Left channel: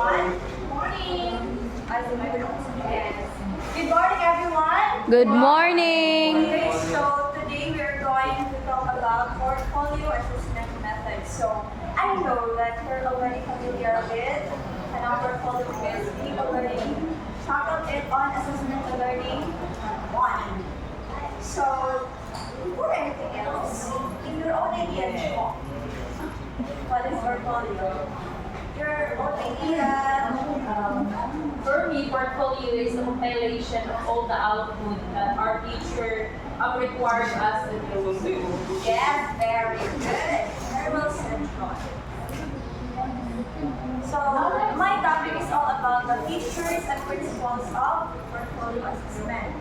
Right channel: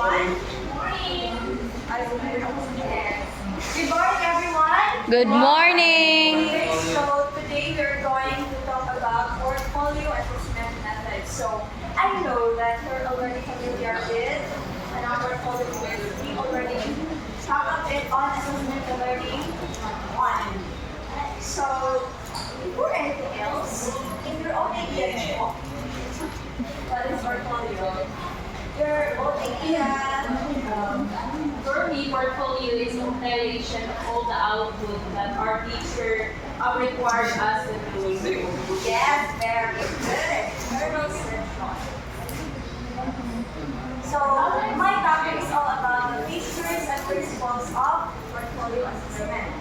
everyone. Morning. Yes. Good morning, everyone. Good morning! Okay, so today we are going to talk about portfolio assessment methods. So I know that you're already familiar with portfolio quiz. We already tackled it on assessment learning 1. So before anything else, in your own idea, what is portfolio? Your own idea. For me, portfolio is a compilation of all the output that our teacher requires us to do. Yes, very good. Very well said, Sean. So my topic is all about the features and principles of portfolio assessment.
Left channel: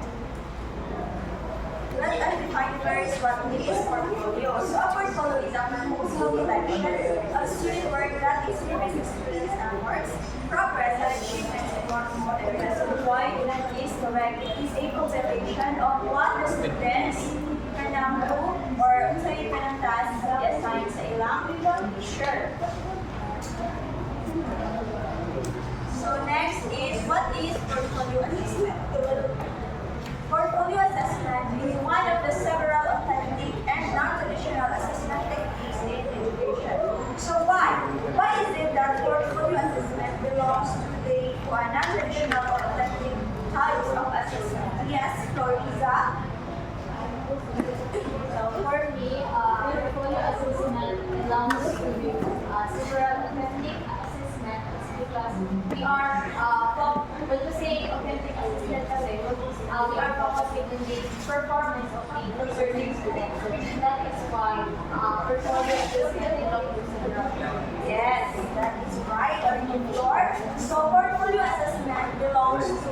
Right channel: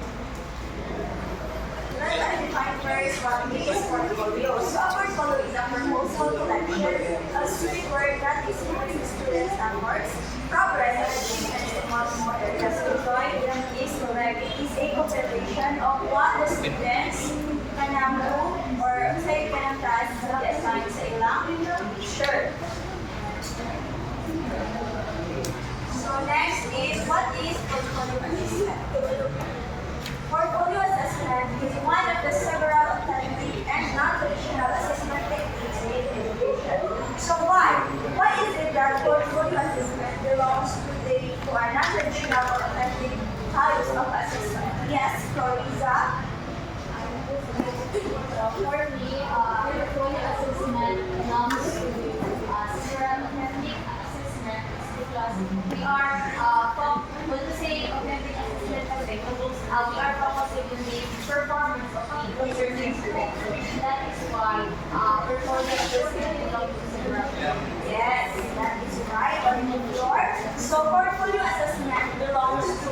Let's define first what is portfolio. So a portfolio is a proposal collection of student work that expresses students' efforts, progress, and achievements in multiple areas. So join is correct. It is a compilation of what the students can do or say can task assigned sa ilang teacher. So next is what is portfolio assessment? Portfolio assessment is one of the several authentic and non-traditional assessment techniques in education. So why? Why is it that portfolio assessment belongs to the non-traditional or authentic types of assessment? Yes, Floriza? So for me, portfolio assessment belongs to several authentic assessment because we are, when we say authentic assessment kasi, we are focusing on the performance of the researching students. That is why portfolio assessment belongs to several. Yes, that is right. So portfolio assessment belongs to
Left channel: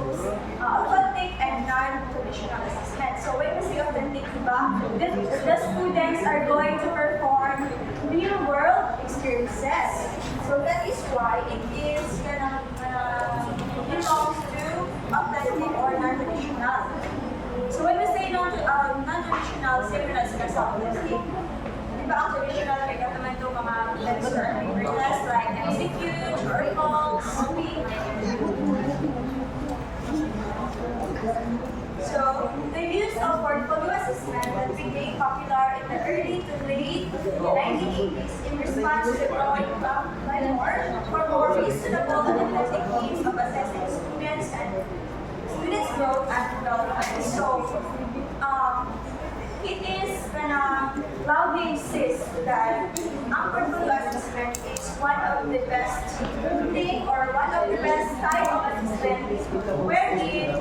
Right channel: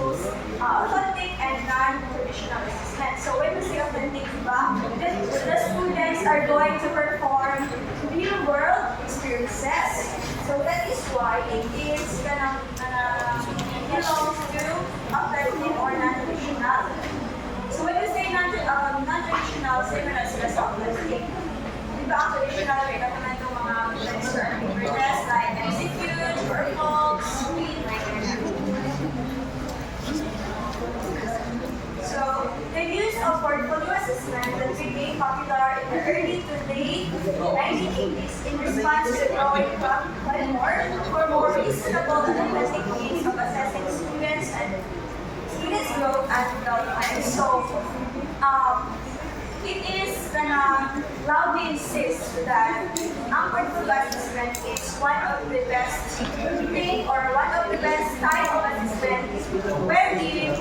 authentic and non-traditional assessment. So when we say authentic, the students are going to perform real-world experiences. So that is why it is belongs to authentic or non-traditional. So when we say non-traditional, same na sila sa authentic. Diba ang traditional, may kataman itong mga tests or papers like MCQs, articles, So, the use of portfolio assessment that became popular in the early to late 1980s in response to the growing by for more reasonable and effective means of assessing students and students' growth and development. So, it is loudly insist that ang portfolio assessment is one of the best thing or one of the best type of assessment wherein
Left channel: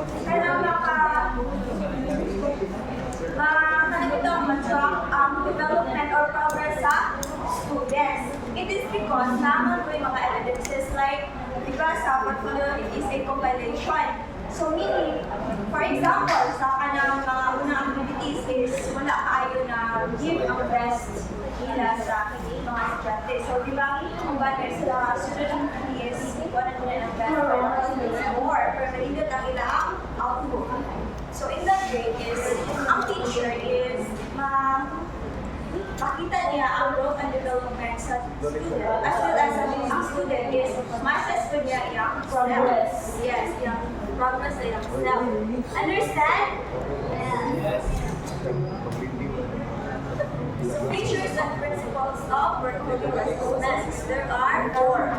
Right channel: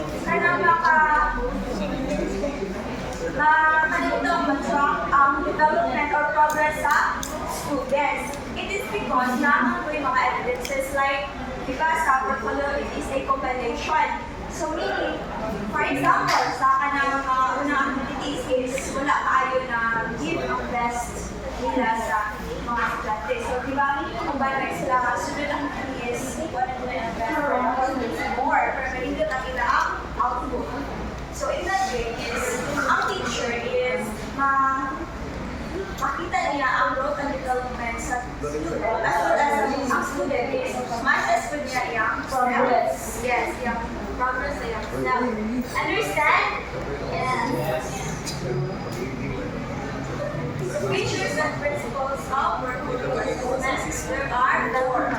ma-track ang development or progress sa students. It is because naman po yung mga evidences like, di ba sa portfolio, it is a compilation. So meaning, for example, sa kanang mga unang activities is wala kayo na give ang best nila sa mga estudyante. So di ba, kung ba na sila sunod ang activities, wala nila yung best or more, pero hindi lang ila ang output. So in that way is, ang teacher is makita niya ang growth and development sa student as well as ang student is ma-assess po niya yung progress. Yes, yung progress nila. Now, understand? Yes. Features and principles of portfolio assessment. There are 4.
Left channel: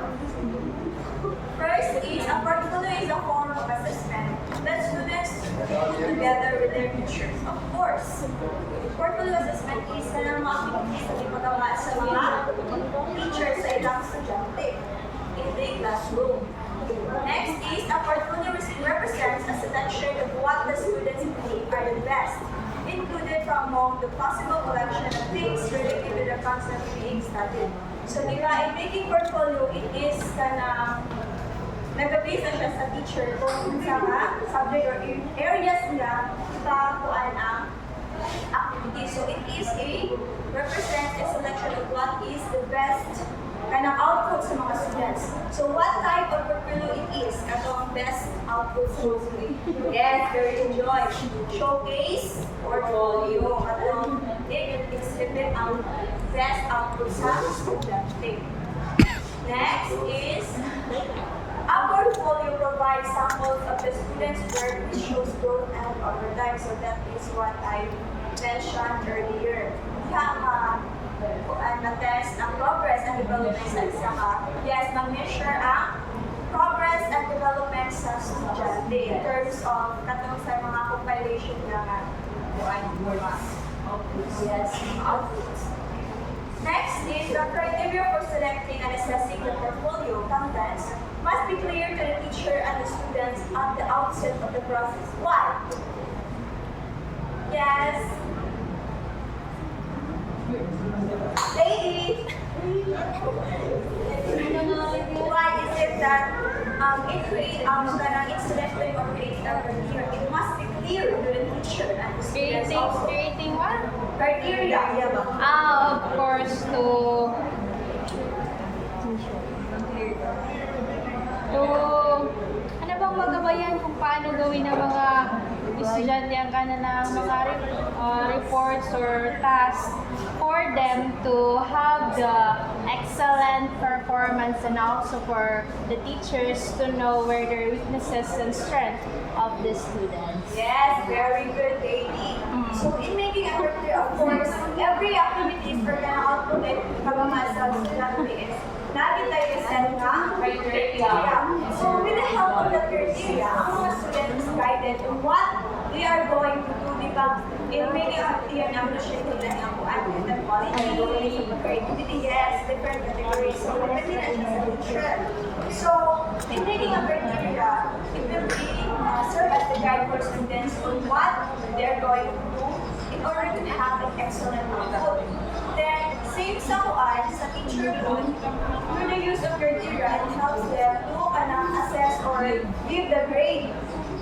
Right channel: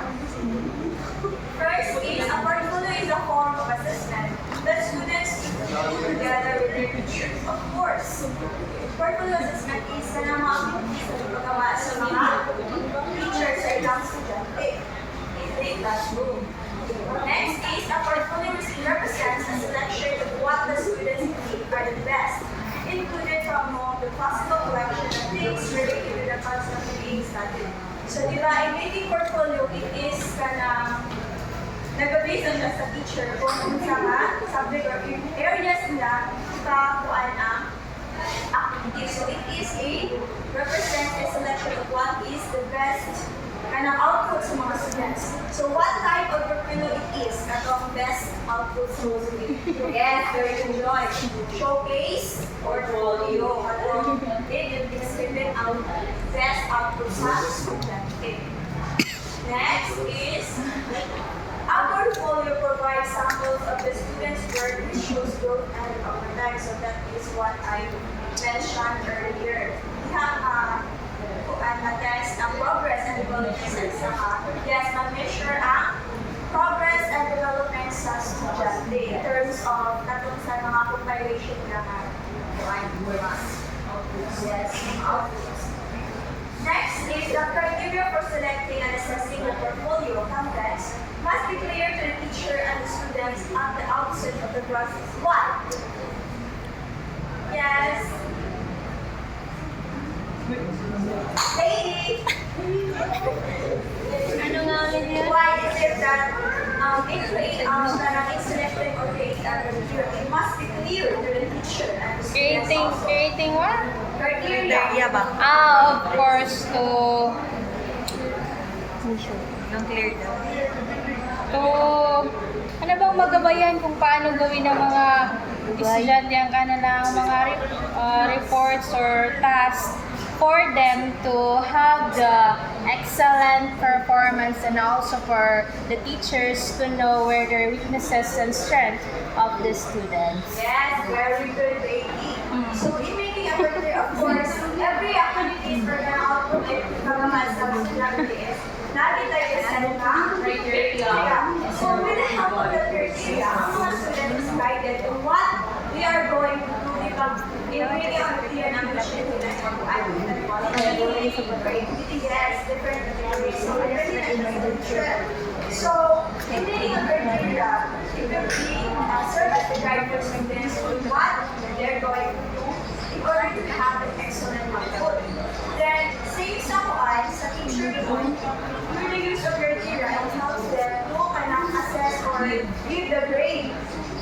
First is a portfolio is a form of assessment that students together with their teachers. Of course, portfolio assessment is na mga activities na ipagawa sa mga teachers sa ilang estudyante in the classroom. Next is a portfolio represents a selection of what the students believe are the best, included from among the possible collection of things related to the concept being studied. So, di ba, in making portfolio, it is nag-base na siya sa teacher kung sa subject or areas nila sa kuan ang activity. So it is represents a selection of what is the best output sa mga students. So what type of portfolio it is? Atong best output supposedly. Yes, very good joy. Showcase portfolio. Atong it exhibit out best output sa student. Next is the student's work which shows growth and over time. So that is what I mentioned earlier. We have test ang progress and development sa isa ka. Yes, ma-measure ang progress and development sa estudyante in terms of katong sa mga compilation na yes, outputs. Next is the criteria for selecting and assessing the portfolio contents must be clear to the teacher and the students at the outset of the process. Why? Yes. Lady. Ano nga rin yun? Why is it that in selecting or creating a criteria, it must be clear to the teacher and the students also. Creating what? Criteria. Of course, ano bang magabayan kung paano gawin ng mga estudyante ang kanilang mga reports or tasks for them to have the excellent performance and also for the teachers to know where their weaknesses and strengths of the students. Yes, very good, baby. So in making a criteria, of course, every activity for the output ay pagamas sa estudyante is natin tayo set ng criteria. So with the help of the criteria, ang mga students is guided on what they are going to do, di ba? In making a criteria namin na siya nila ng quality, creativity, yes, different categories. So everything na siya. So in making a criteria, it will be serve as the guide for students on what they're going to do in order to have an excellent output. Then, same sa kuan, sa teacher yun, through the use of criteria, it helps them to assess or give the grade.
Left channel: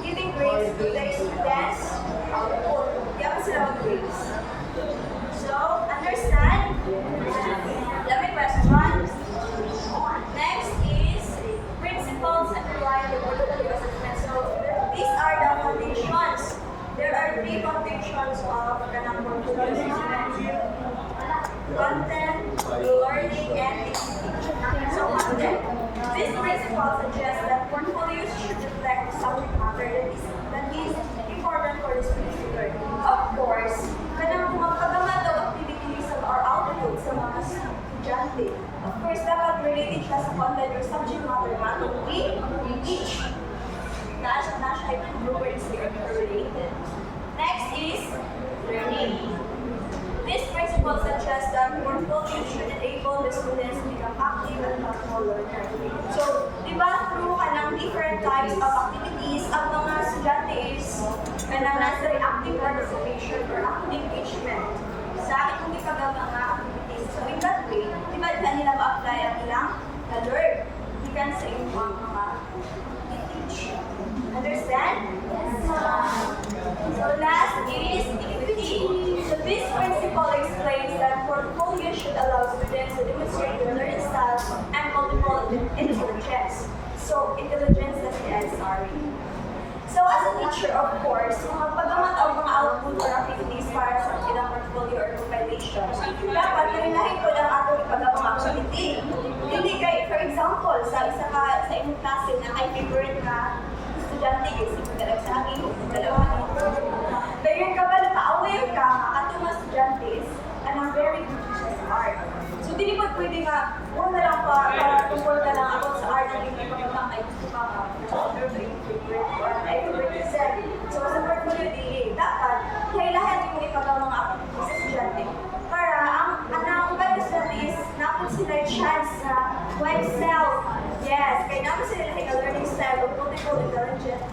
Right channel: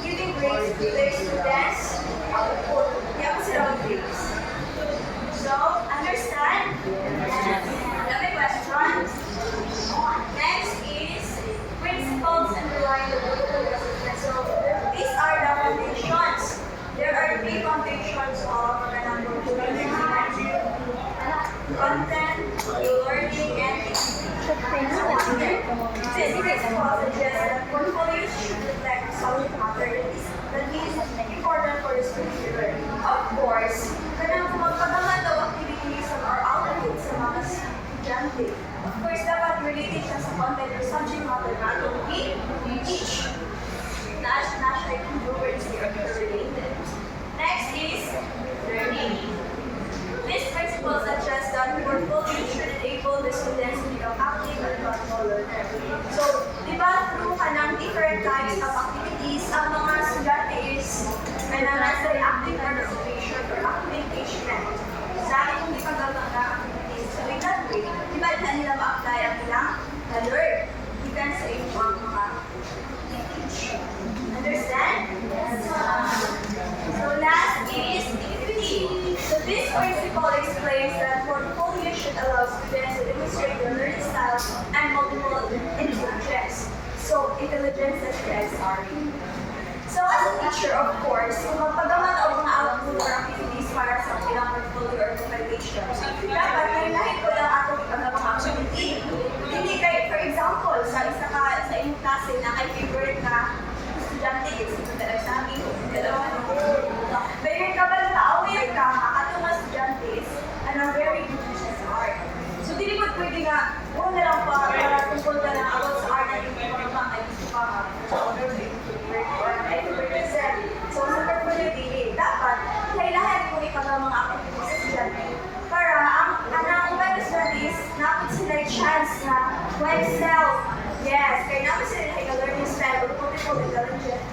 Giving grades to the students' output. Kaya pa sila grades. So, understand? Love questions. Next is principles underlying the portfolio assessment. So, these are the foundations. There are three foundations of the portfolio assessment. Content, learning, and execution. So, content. This principle suggests that portfolios should reflect subject matter that is important for the student to learn. Of course, kanang magpagawa daw activities or output sa mga estudyante. Of course, dapat related siya sa content or subject matter na to be each. Not like words they are related. Next is learning. This principle suggests that portfolio should enable the students to become active and thoughtful learners. So, di ba through kanang different types of activities, ang mga estudyante is kanang nasa active participation or active engagement sa itong ipagawa nga activities. So, in that way, di ba nila ma-apply ang ilang learn given sa inyong mga teach. Understand? Yes. So, last is equity. So, this principle explains that portfolio should allow students to demonstrate their learning style and multiple intelligence. So, intelligence that is, sorry. So, as a teacher, of course, kung magpagamat o mga output or activities para sa ilang portfolio or compilation, dapat nahin ko lang atong ipagawang activity. Hindi kay, for example, sa inyong klase na kay favorite na estudyante, kasi talaga sa akin, dalawa very kabal ka, aware ka, katong mga estudyante is anong very good siya sa art. So, hindi ko pwede nga, huwag na lang pa, para tungkol ka lang ako sa art na hindi pa naman, ay gusto ka nga, ay represent. So, sa portfolio dili, dapat, kailangan kung ipagawa mga activities sa estudyante, para ang iba estudyante is, napot sila yung chance na, well, self, yes, kaya naman sila yung learning style or multiple intelligence,